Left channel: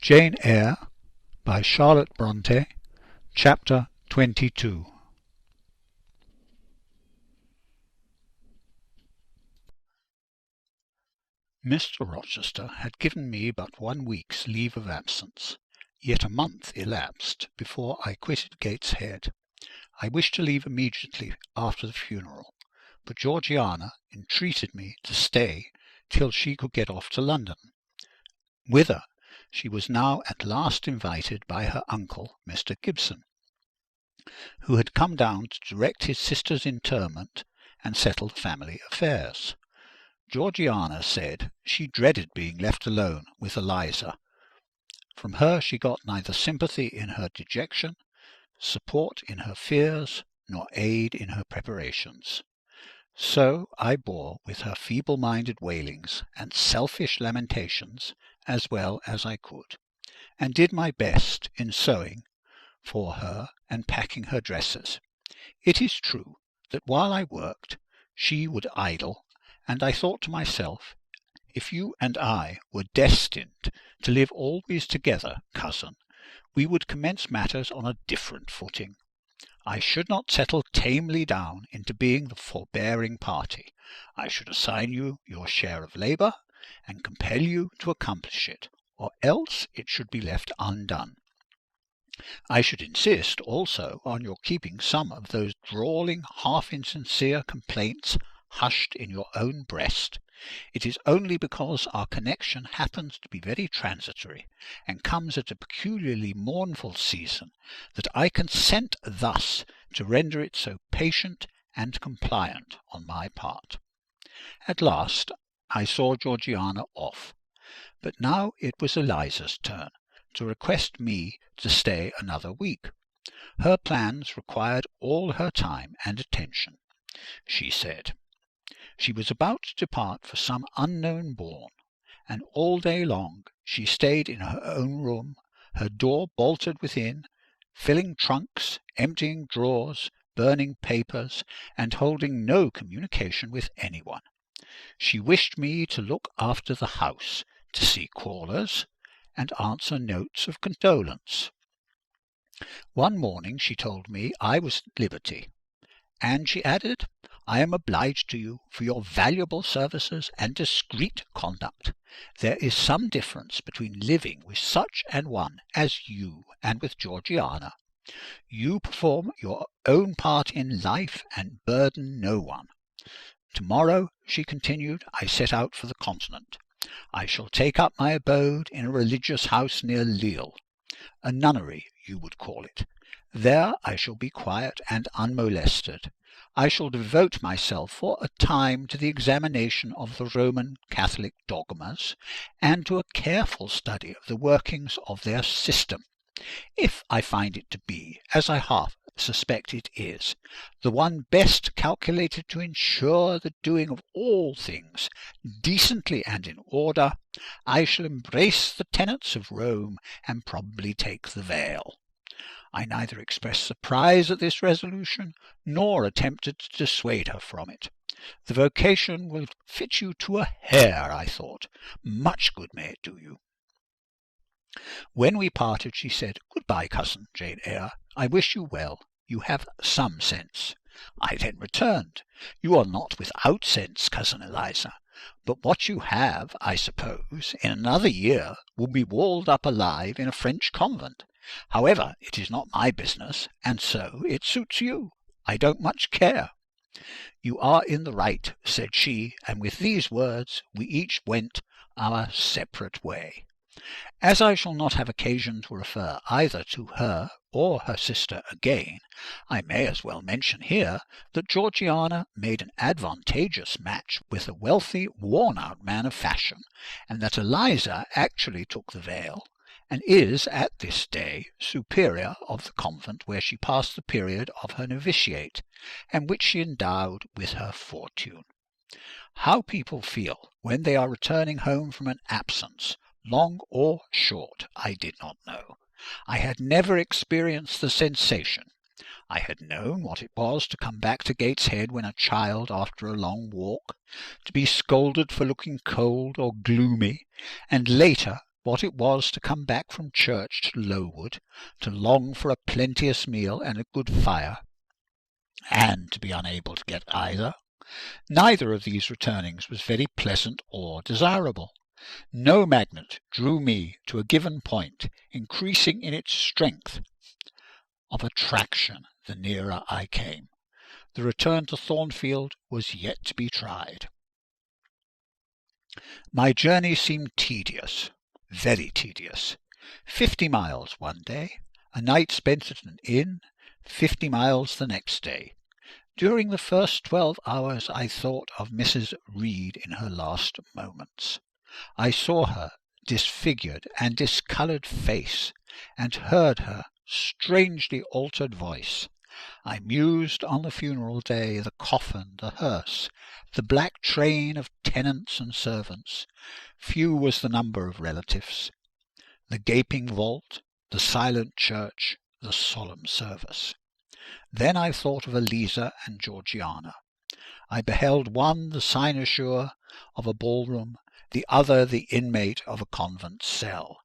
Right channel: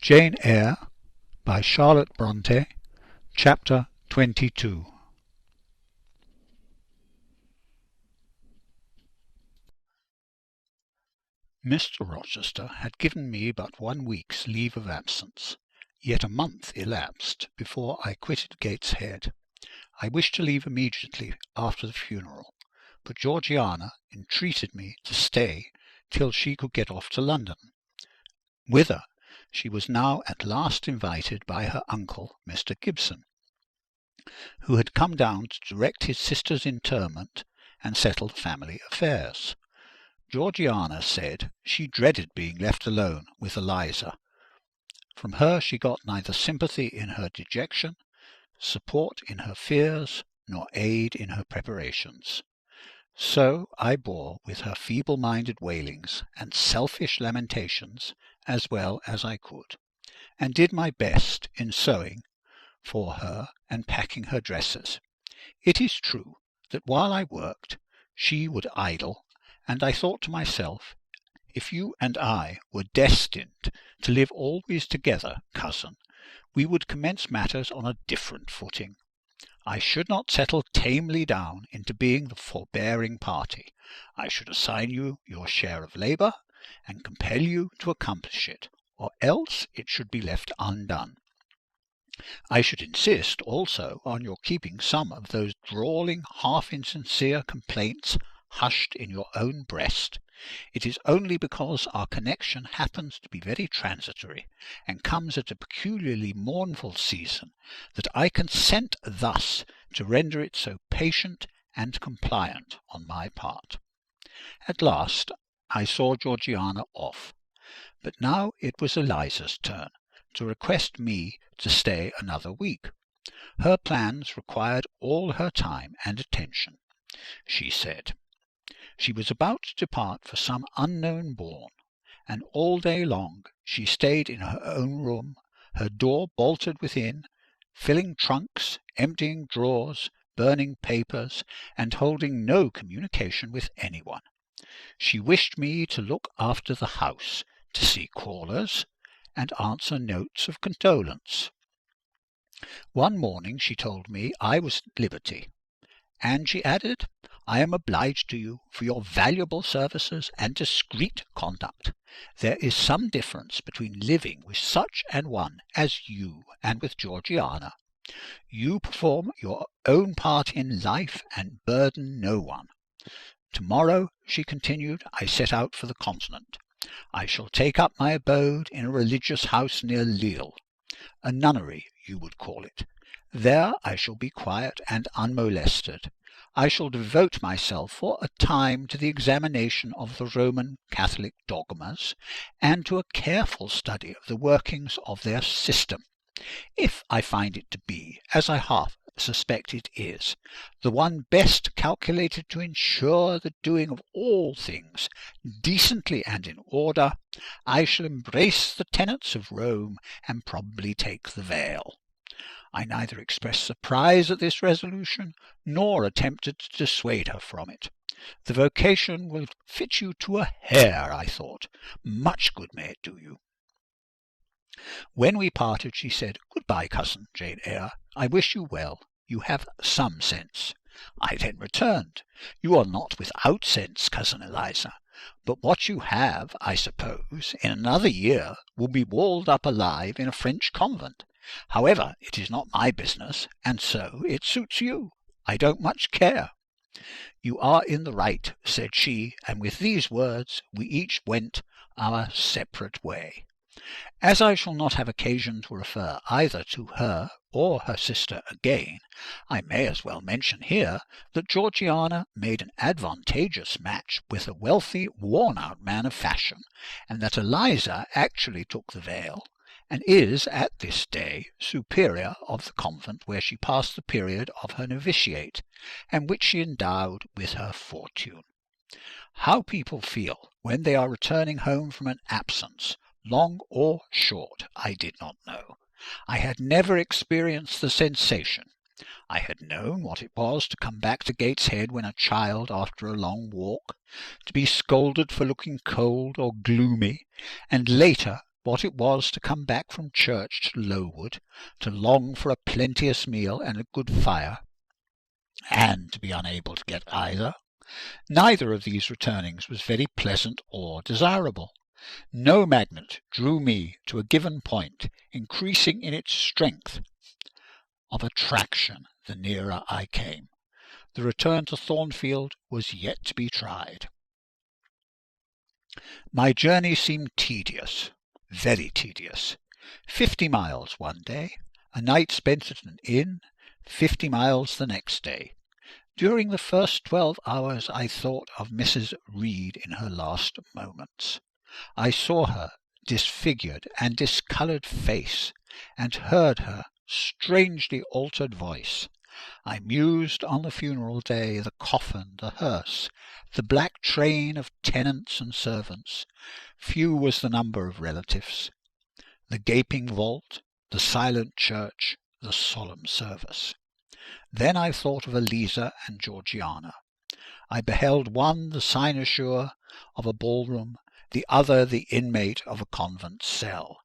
Jane Eyre by Charlotte Bronte, Chapter 22. Mr. Rochester had given me but 1 week's leave of absence, yet a month elapsed before I quitted Gateshead. I wished to leave immediately after the funeral, but Georgiana entreated me to stay till she could get off to London, whither she was now at last invited by her uncle, Mr. Gibson, who had come down to direct his sister's interment and settle family affairs. Georgiana said she dreaded being left alone with Eliza. From her she got neither sympathy in her dejection, support in her fears, nor aid in her preparations. So I bore with her feeble-minded wailings and selfish lamentations as well as I could, and did my best in sewing for her and packing her dresses. It is true that while I worked, she would idle, and I thought to myself, if you and I were destined to live always together, cousin, we would commence matters on a different footing. I should not settle tamely down into being the forbearing party. I should assign you your share of labour, and compel you to accomplish it, or else it should be left undone. I should insist also on your keeping some of those drawling, half-insincere complaints hushed in your own breast. It is only because our connection happens to be very transitory, and comes at a peculiarly mournful season, that I consent thus to render it so patient and compliant on my part. At last I saw Georgiana off, but now it was Eliza's turn to request me to stay another week. Her plans required all her time and attention, she said. She was about to depart for some unknown bourne, and all day long she stayed in her own room, her door bolted within, filling trunks, emptying drawers, burning papers, and holding no communication with anyone. She wished me to look after the house, to see callers, and answer notes of condolence. One morning she told me I was at liberty, and she added, I am obliged to you for your valuable services and discreet conduct. There is some difference between living with such an one as you and with Georgiana. You perform your own part in life and burden no one. Tomorrow, she continued, I set out for the continent. I shall take up my abode in a religious house near Lille, a nunnery you would call it. There I shall be quiet and unmolested. I shall devote myself for a time to the examination of the Roman Catholic dogmas, and to a careful study of the workings of their system. If I find it to be, as I half suspect it is, the one best calculated to ensure the doing of all things decently and in order, I shall embrace the tenets of Rome and probably take the veil. I neither expressed surprise at this resolution, nor attempted to dissuade her from it. The vocation will fit you to a hair, I thought. Much good may it do you. When we parted, she said, Good-bye, cousin Jane Eyre. I wish you well. You have some sense. I then returned, You are not without sense, cousin Eliza, but what you have, I suppose, in another year will be walled up alive in a French convent. However, it is not my business, and so it suits you. I don't much care. You are in the right, said she, and with these words we each went our separate way. As I shall not have occasion to refer either to her or her sister again, I may as well mention here that Georgiana made an advantageous match with a wealthy, worn-out man of fashion, and that Eliza actually took the veil, and is at this day superior of the convent where she passed the period of her novitiate, and which she endowed with her fortune. How people feel when they are returning home from an absence, long or short, I did not know. I had never experienced the sensation. I had known what it was to come back to Gateshead when a child after a long walk, to be scolded for looking cold or gloomy, and later what it was to come back from church to Lowood, to long for a plenteous meal and a good fire, and to be unable to get either. Neither of these returnings was very pleasant or desirable. No magnet drew me to a given point, increasing in its strength of attraction the nearer I came. The return to Thornfield was yet to be tried. My journey seemed tedious, very tedious. 50 miles one day, a night spent at an inn, 50 miles the next day. During the first 12 hours I thought of Mrs. Reed in her last moments. I saw her disfigured and discoloured face, and heard her strangely altered voice. I mused on the funeral day, the coffin, the hearse, the black train of tenants and servants. Few was the number of relatives. The gaping vault, the silent church, the solemn service. Then I thought of Eliza and Georgiana. I beheld one the cynosure of a ballroom, the other the inmate of a convent cell,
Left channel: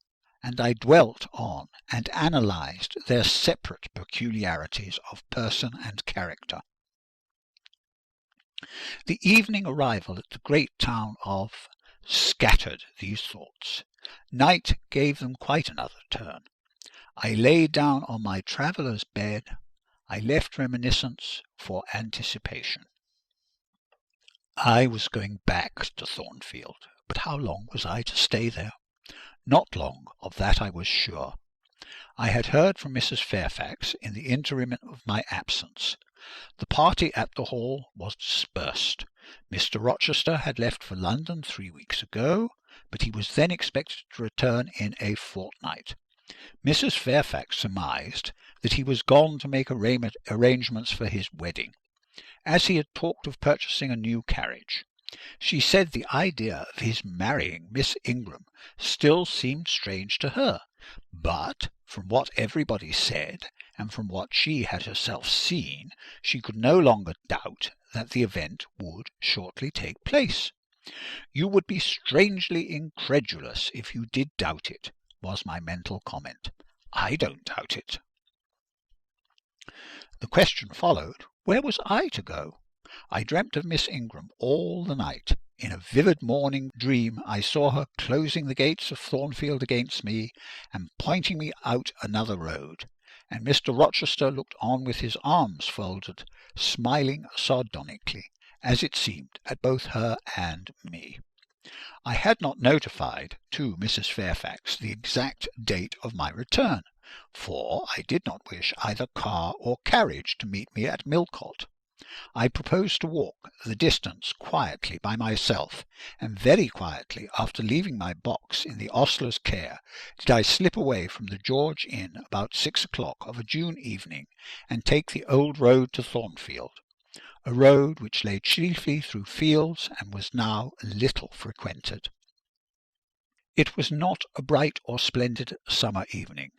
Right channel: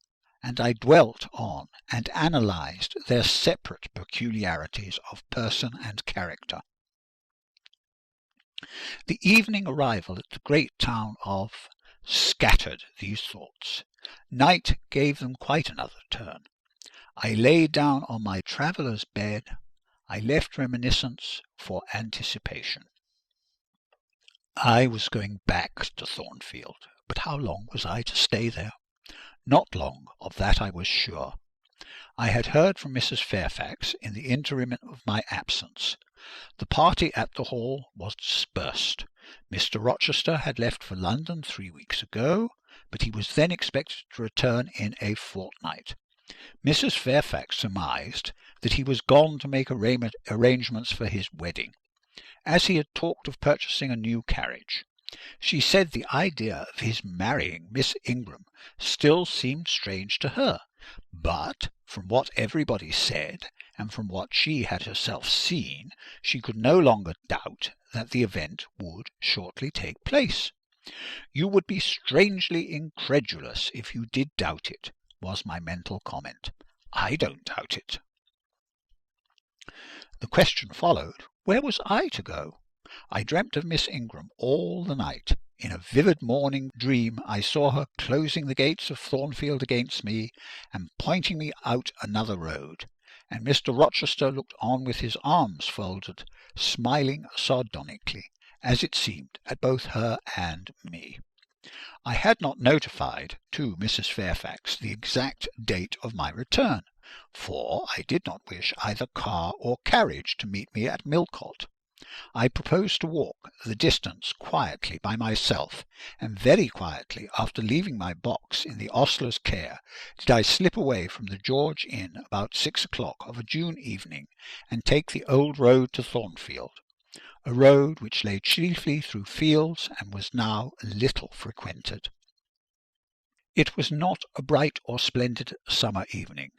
and I dwelt on and analysed their separate peculiarities of person and character. The evening arrival at the great town of scattered these thoughts. Night gave them quite another turn. I lay down on my traveller's bed. I left reminiscence for anticipation. I was going back to Thornfield, but how long was I to stay there? Not long, of that I was sure. I had heard from Mrs. Fairfax in the interim of my absence. The party at the Hall was dispersed. Mr. Rochester had left for London 3 weeks ago, but he was then expected to return in a fortnight. Mrs. Fairfax surmised that he was gone to make arrangements for his wedding, as he had talked of purchasing a new carriage. She said the idea of his marrying Miss Ingram still seemed strange to her, but from what everybody said, and from what she had herself seen, she could no longer doubt that the event would shortly take place. "You would be strangely incredulous if you did doubt it," was my mental comment. I don't doubt it. The question followed, where was I to go? I dreamt of Miss Ingram all the night. In a vivid morning dream I saw her closing the gates of Thornfield against me and pointing me out another road, and Mr. Rochester looked on with his arms folded, smiling sardonically, as it seemed, at both her and me. I had not notified to Mrs. Fairfax the exact date of my return, for I did not wish either car or carriage to meet me at Millcote. I proposed to walk the distance quietly by myself, and very quietly, after leaving my box in the ostler's care, did I slip away from the George Inn about 6 o'clock of a June evening, and take the old road to Thornfield, a road which lay chiefly through fields and was now little frequented. It was not a bright or splendid summer evening,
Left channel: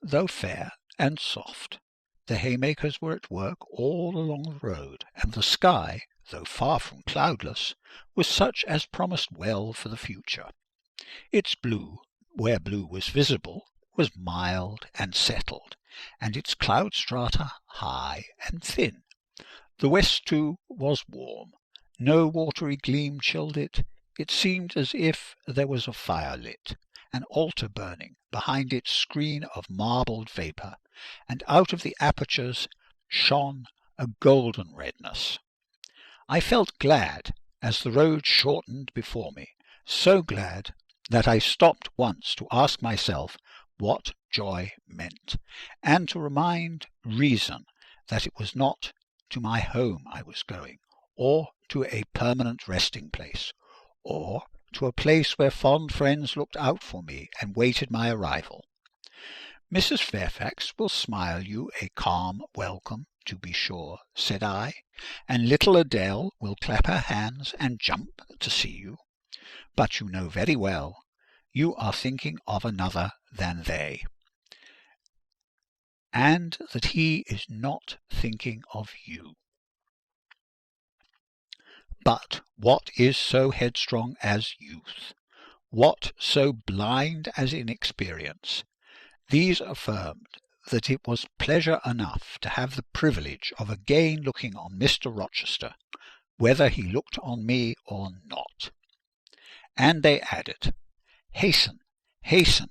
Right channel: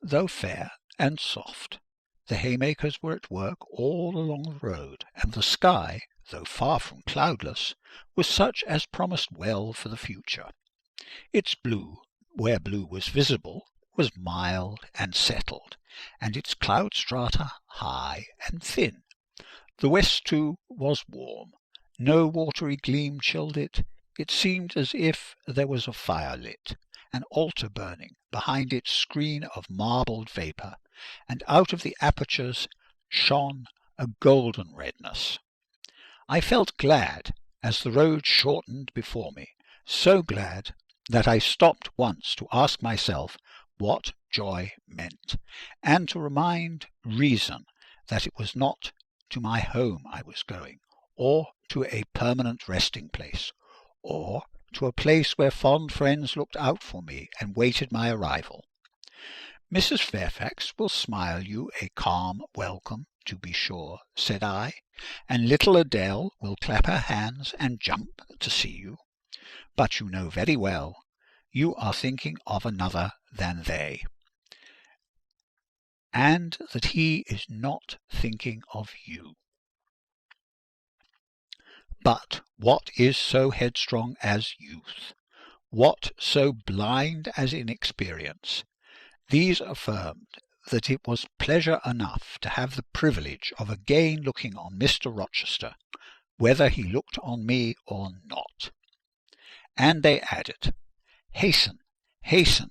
though fair and soft. The haymakers were at work all along the road, and the sky, though far from cloudless, was such as promised well for the future. Its blue, where blue was visible, was mild and settled, and its cloud strata high and thin. The west, too, was warm. No watery gleam chilled it. It seemed as if there was a fire lit, an altar burning, behind its screen of marbled vapour, and out of the apertures shone a golden redness. I felt glad as the road shortened before me, so glad that I stopped once to ask myself what joy meant, and to remind reason that it was not to my home I was going, or to a permanent resting place, or to a place where fond friends looked out for me and waited my arrival. "Mrs. Fairfax will smile you a calm welcome, to be sure," said I, "and little Adele will clap her hands and jump to see you. But you know very well you are thinking of another than they, and that he is not thinking of you." But what is so headstrong as youth? What so blind as inexperience? These affirmed that it was pleasure enough to have the privilege of again looking on Mr. Rochester, whether he looked on me or not. And they added, "Hasten, hasten,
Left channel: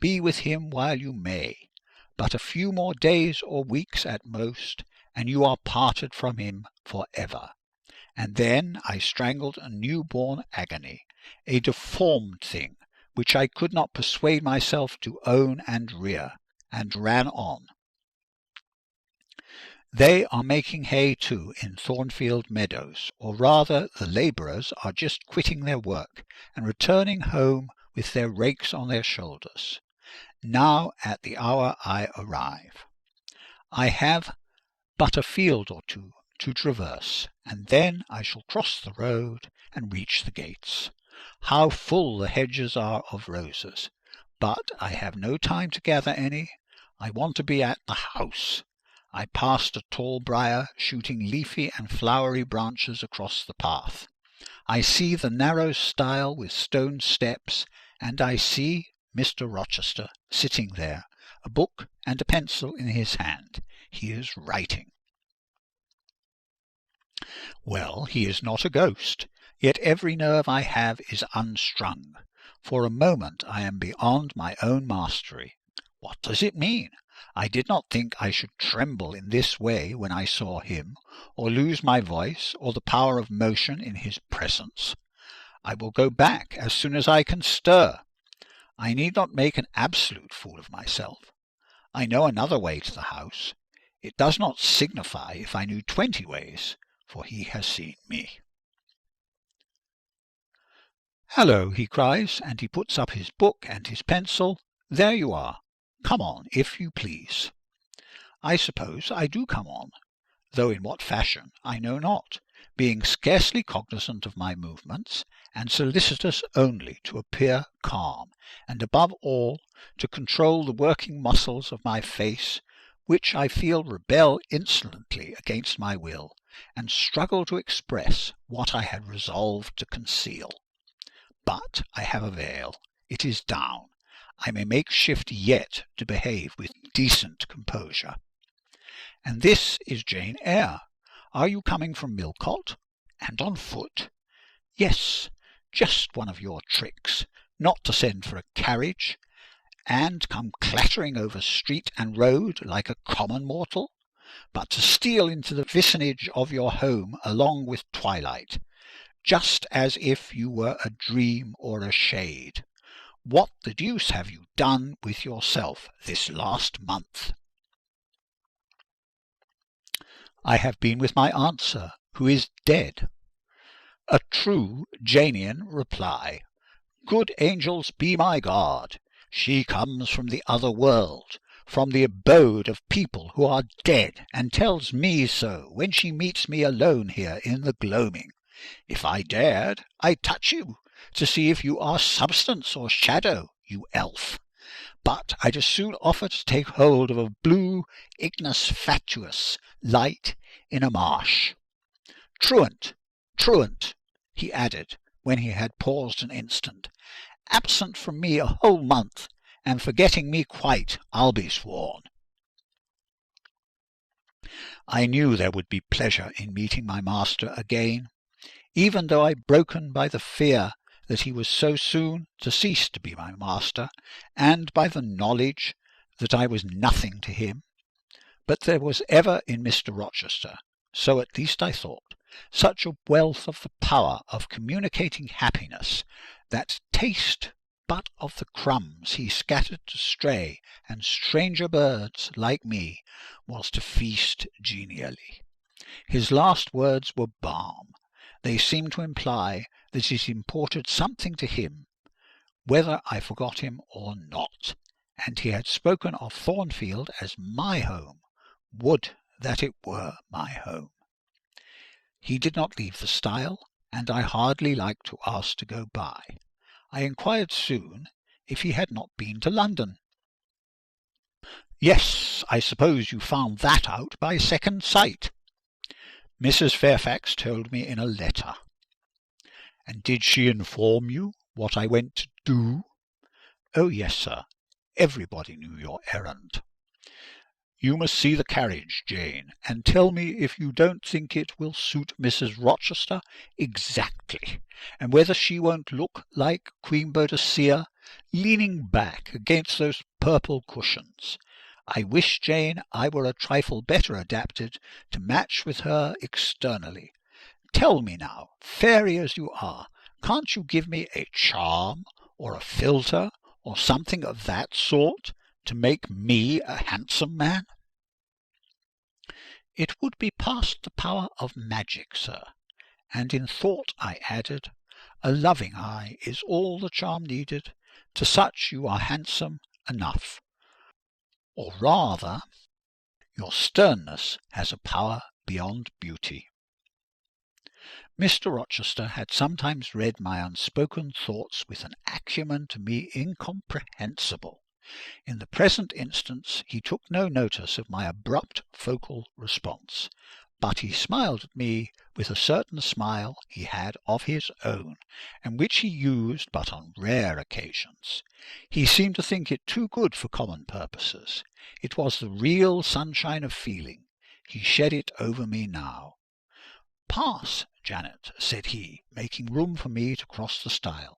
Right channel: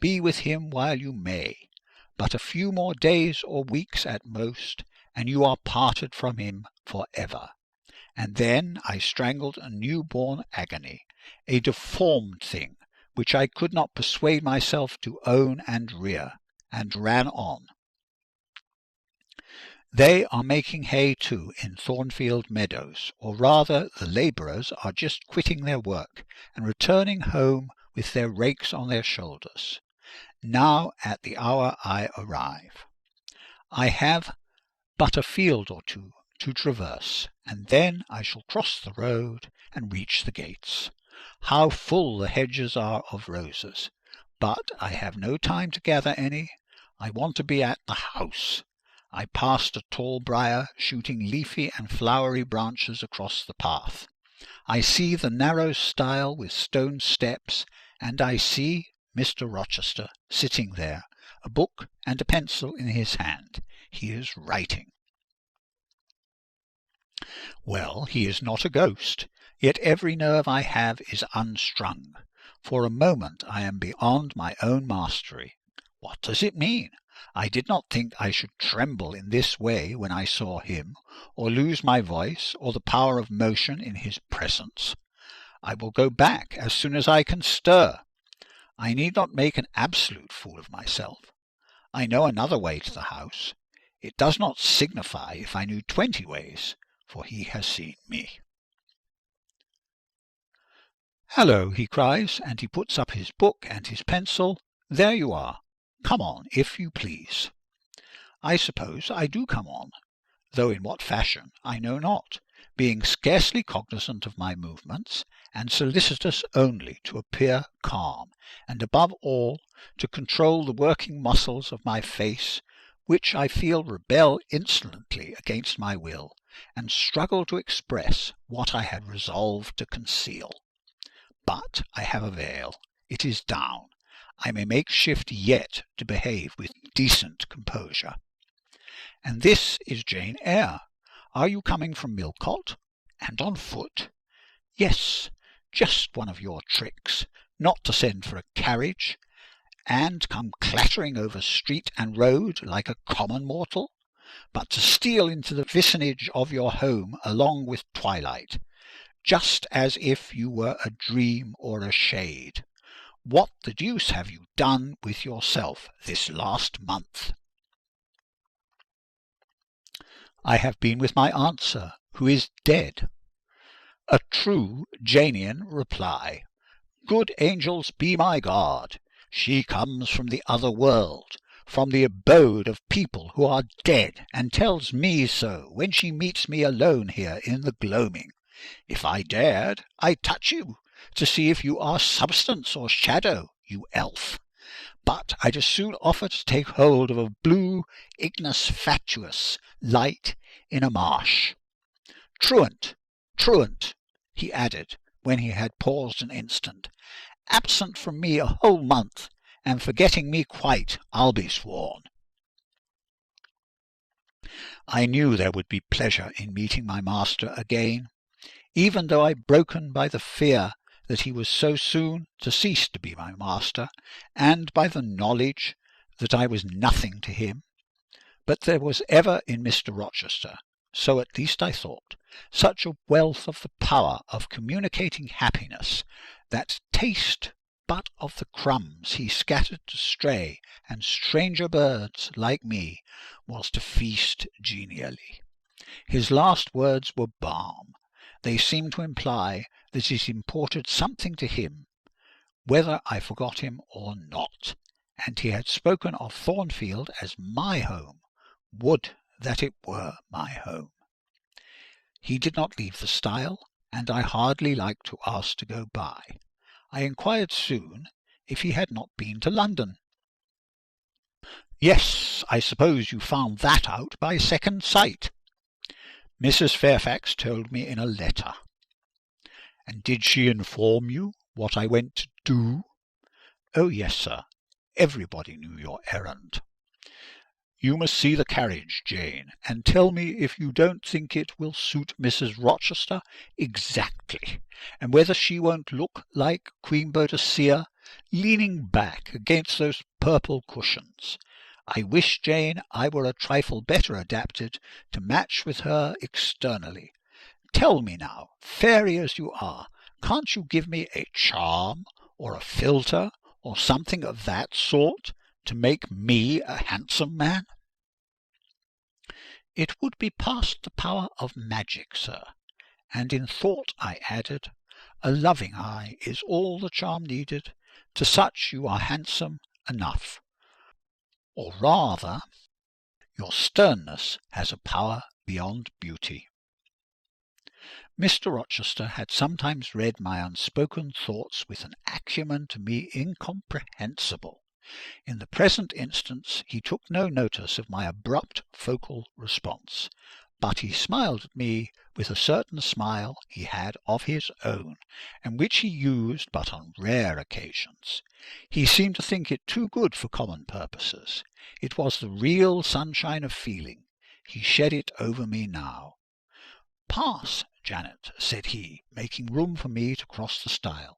be with him while you may. But a few more days or weeks at most, and you are parted from him for ever." And then I strangled a new-born agony, a deformed thing which I could not persuade myself to own and rear, and ran on. They are making hay too in Thornfield Meadows, or rather the labourers are just quitting their work and returning home with their rakes on their shoulders. Now at the hour I arrive. I have but a field or two to traverse, and then I shall cross the road and reach the gates. How full the hedges are of roses! But I have no time to gather any. I want to be at the house. I passed a tall briar, shooting leafy and flowery branches across the path. I see the narrow stile with stone steps, and I see Mr. Rochester sitting there, a book and a pencil in his hand. He is writing. Well, he is not a ghost, yet every nerve I have is unstrung. For a moment I am beyond my own mastery. What does it mean? I did not think I should tremble in this way when I saw him, or lose my voice or the power of motion in his presence. I will go back as soon as I can stir. I need not make an absolute fool of myself. I know another way to the house. It does not signify if I knew 20 ways, for he has seen me. "Hallo," he cries, and he puts up his book and his pencil. "There you are. Come on, if you please." I suppose I do come on, though in what fashion I know not, being scarcely cognizant of my movements, and solicitous only to appear calm, and above all to control the working muscles of my face, which I feel rebel insolently against my will, and struggle to express what I had resolved to conceal. But I have a veil. It is down. I may make shift yet to behave with decent composure. "And this is Jane Eyre. Are you coming from Millcote? And on foot?" "Yes, just one of your tricks, not to send for a carriage, and come clattering over street and road like a common mortal, but to steal into the vicinage of your home along with twilight, just as if you were a dream or a shade. What the deuce have you done with yourself this last month?" "I have been with my aunt, sir, who is dead." A true Janian reply. Good angels be my guard! She comes from the other world, from the abode of people who are dead, and tells me so when she meets me alone here in the gloaming. If I dared, I'd touch you, to see if you are substance or shadow, you elf. But I'd as soon offer to take hold of a blue ignis fatuus light in a marsh. Truant, truant, he added, when he had paused an instant, absent from me a whole month, and forgetting me quite, I'll be sworn. I knew there would be pleasure in meeting my master again, even though I broken by the fear that he was so soon to cease to be my master, and by the knowledge that I was nothing to him. But there was ever in Mr. Rochester, so at least I thought, such a wealth of the power of communicating happiness, that taste but of the crumbs he scattered to stray and stranger birds like me was to feast genially. His last words were balm. They seemed to imply that it imported something to him, whether I forgot him or not, and he had spoken of Thornfield as my home. Would that it were my home. He did not leave the stile, and I hardly liked to ask to go by. I inquired soon if he had not been to London. "Yes, I suppose you found that out by second sight." Mrs. Fairfax told me in a letter. "And did she inform you what I went to do?" "Oh, yes, sir. Everybody knew your errand." "You must see the carriage, Jane, and tell me if you don't think it will suit Mrs. Rochester exactly, and whether she won't look like Queen Boadicea, leaning back against those purple cushions. I wish, Jane, I were a trifle better adapted to match with her externally. Tell me now, fairy as you are, can't you give me a charm, or a philtre, or something of that sort, to make me a handsome man?" "It would be past the power of magic, sir, and in thought I added, a loving eye is all the charm needed. To such you are handsome enough. Or rather, your sternness has a power beyond beauty." Mr. Rochester had sometimes read my unspoken thoughts with an acumen to me incomprehensible. In the present instance he took no notice of my abrupt vocal response, but he smiled at me with a certain smile he had of his own, and which he used but on rare occasions. He seemed to think it too good for common purposes. It was the real sunshine of feeling. He shed it over me now. "Pass, Janet," said he, making room for me to cross the stile.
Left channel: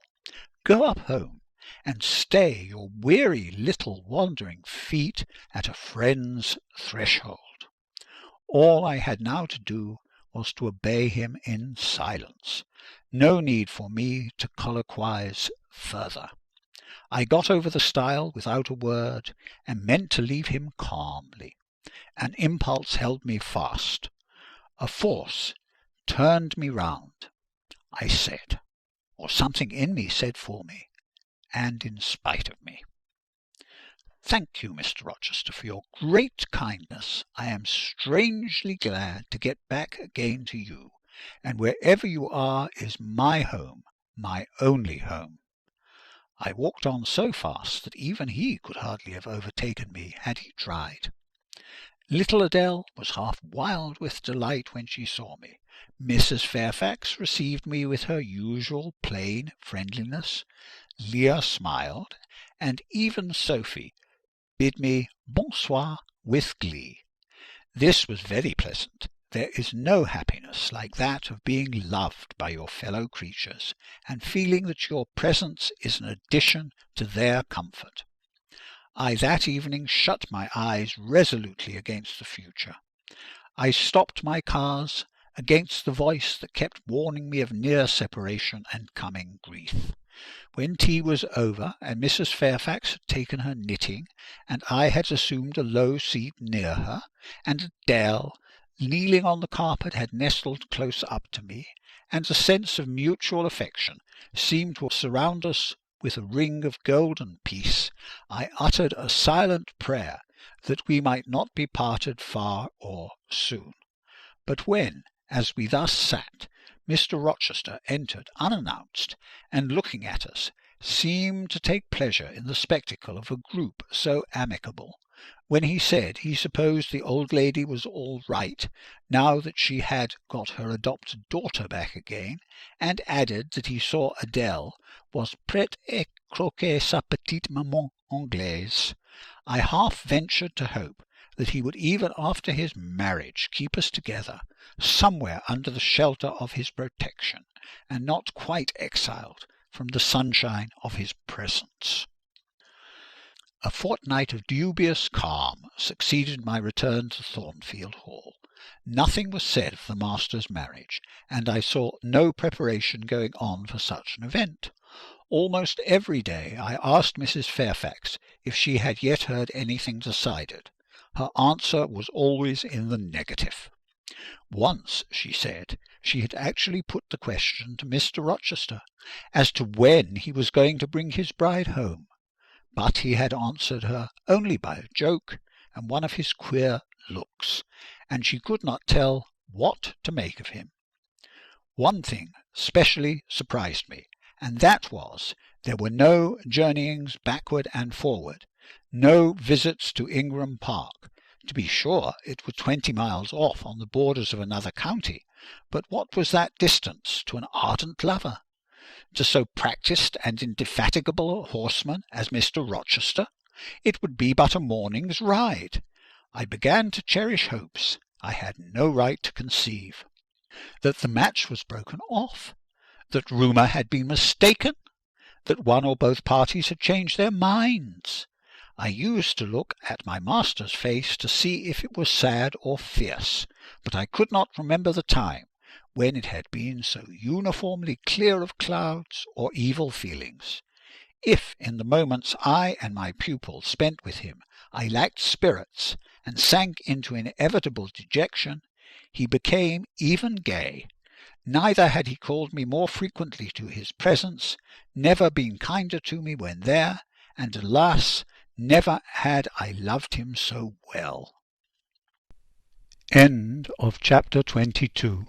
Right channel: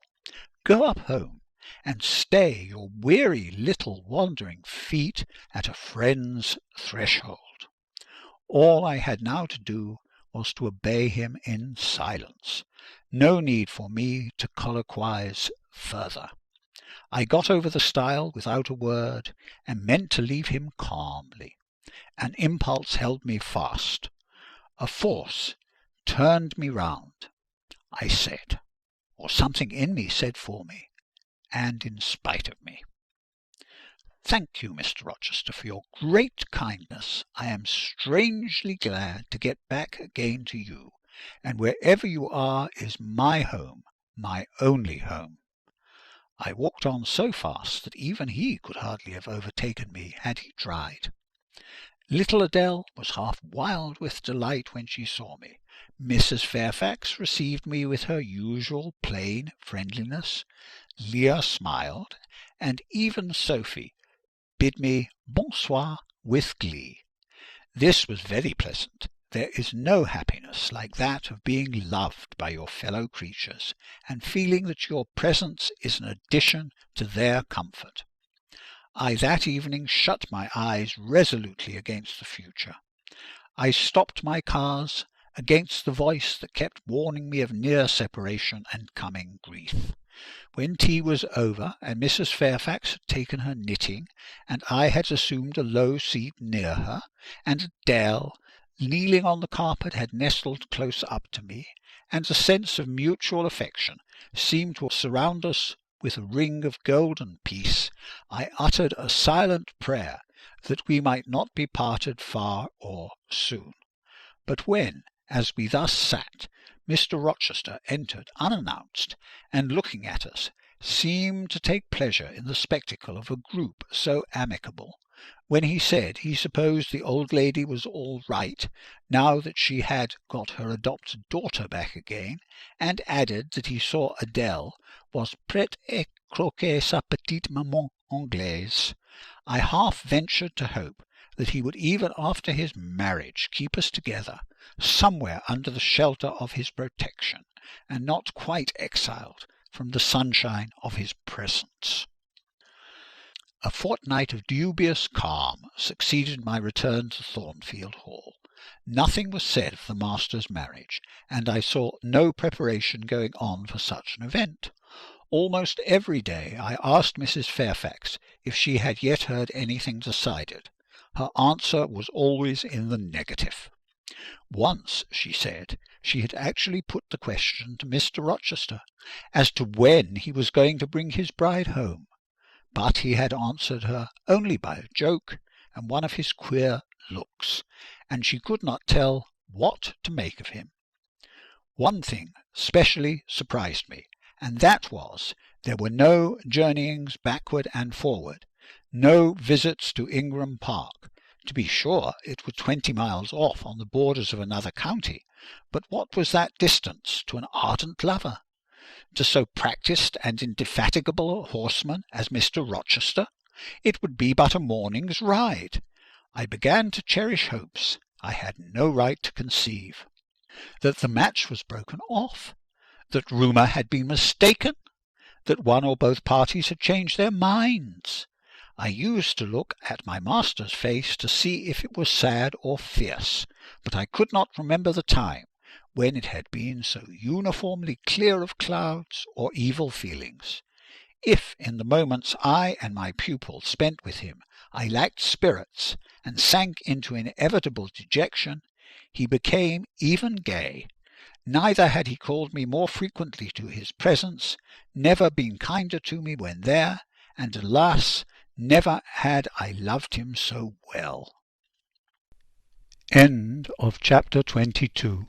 "Go up home, and stay your weary little wandering feet at a friend's threshold." All I had now to do was to obey him in silence. No need for me to colloquize further. I got over the stile without a word, and meant to leave him calmly. An impulse held me fast. A force turned me round. I said, or something in me said for me, and in spite of me, "Thank you, Mr. Rochester, for your great kindness. I am strangely glad to get back again to you, and wherever you are is my home, my only home." I walked on so fast that even he could hardly have overtaken me had he tried. Little Adele was half wild with delight when she saw me. Mrs. Fairfax received me with her usual plain friendliness. Leah smiled, and even Sophie bid me bonsoir with glee. This was very pleasant. There is no happiness like that of being loved by your fellow creatures, and feeling that your presence is an addition to their comfort. I that evening shut my eyes resolutely against the future. I stopped my cars against the voice that kept warning me of near separation and coming grief. When tea was over, and Mrs. Fairfax had taken her knitting, and I had assumed a low seat near her, and Adele, kneeling on the carpet, had nestled close up to me, and a sense of mutual affection seemed to surround us with a ring of golden peace, I uttered a silent prayer that we might not be parted far or soon. But when, as we thus sat, Mr. Rochester entered unannounced, and, looking at us, seemed to take pleasure in the spectacle of a group so amicable, when he said he supposed the old lady was all right, now that she had got her adopted daughter back again, and added that he saw Adele was prête à croquer sa petite maman anglaise, I half ventured to hope that he would even after his marriage keep us together, somewhere under the shelter of his protection, and not quite exiled from the sunshine of his presence. A fortnight of dubious calm succeeded my return to Thornfield Hall. Nothing was said of the master's marriage, and I saw no preparation going on for such an event. Almost every day I asked Mrs. Fairfax if she had yet heard anything decided. Her answer was always in the negative. Once, she said, she had actually put the question to Mr. Rochester as to when he was going to bring his bride home, but he had answered her only by a joke and one of his queer looks, and she could not tell what to make of him. One thing specially surprised me, and that was there were no journeyings backward and forward, no visits to Ingram Park. To be sure, it was 20 miles off on the borders of another county, but what was that distance to an ardent lover? to so practised and indefatigable a horseman as Mr. Rochester? It would be but a morning's ride. I began to cherish hopes I had no right to conceive. That the match was broken off, that rumour had been mistaken, that one or both parties had changed their minds. I used to look at my master's face to see if it was sad or fierce, but I could not remember the time when it had been so uniformly clear of clouds or evil feelings. If in the moments I and my pupil spent with him I lacked spirits and sank into inevitable dejection, he became even gay. Neither had he called me more frequently to his presence, never been kinder to me when there, and alas, never had I loved him so well. End of chapter 22.